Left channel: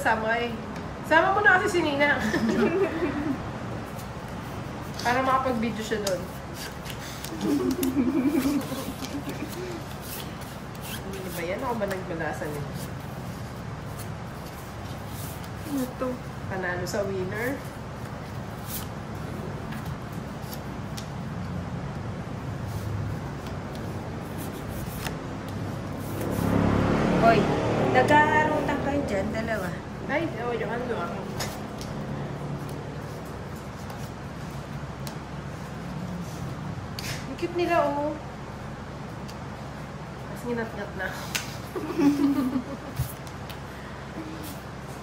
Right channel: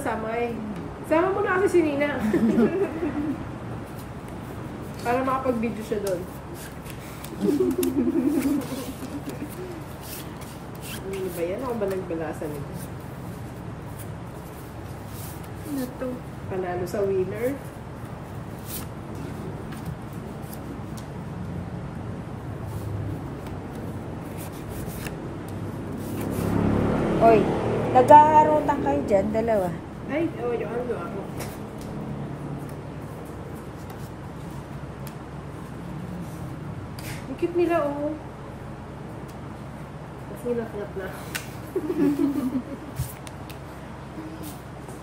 kasama eh. Sama mo na kasi si Nina. Para makapag-video siya doon. Ano ba yan? Ako ba nagbalasan ito? Ano to? Panalo sa winner. Hoy, nag-aarutan kayo dyan, dalawa. Ay, oh, yung ano ako. Ang cute nila, oh. Mas nginat-ngat na.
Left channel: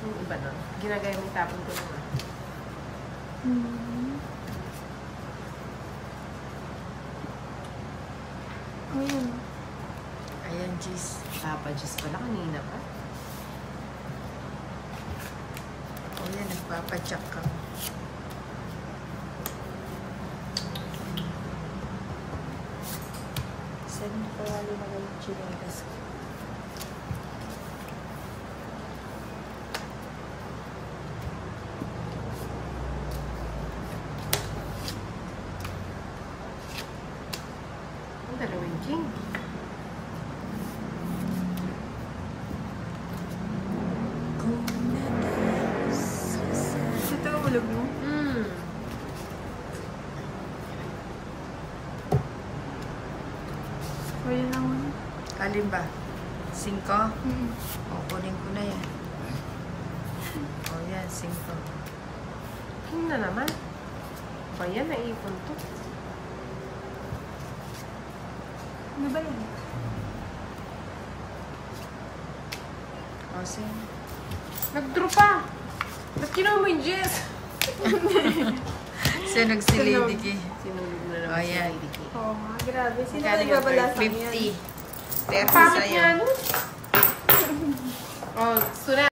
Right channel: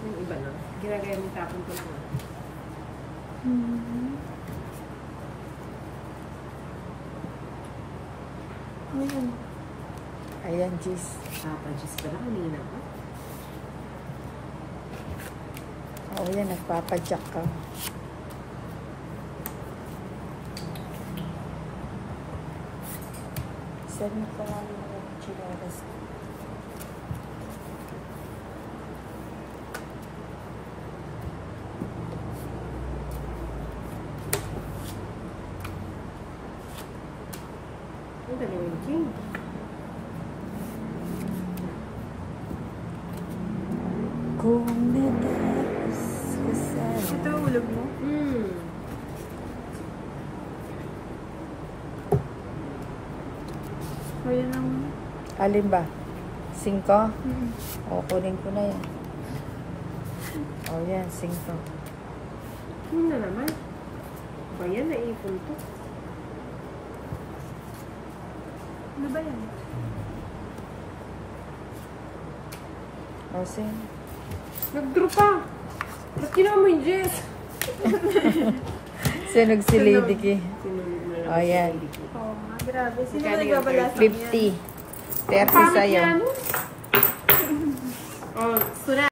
Yung iba na. Ginagaya mo yung tapon ko na. Ayan, Jis. Papa, Diyos pala kanina pa. Oo, yan. Nagpapadyak ka. Saan pa nga yung chinelas? Ang dalawang king. Kung nadas kasama. Ito yung ulam mo? Kaya lang. Alin ba? 5? O, kunin ko na yan. O, yan, 5. Ano na naman? Ba yan? Naipon to. Ano ba yan? O, sin. Nag-draw pa! Ba't kinuha mo yung Jess? Sinog si Lady Ki. Sinunog na naman Oh, si yan. Lady Ki. Oh, grabe. Sino Magkano yung nagbabalasan 50. yan? Step Pangit sa'yo. yan. Oh, sunod.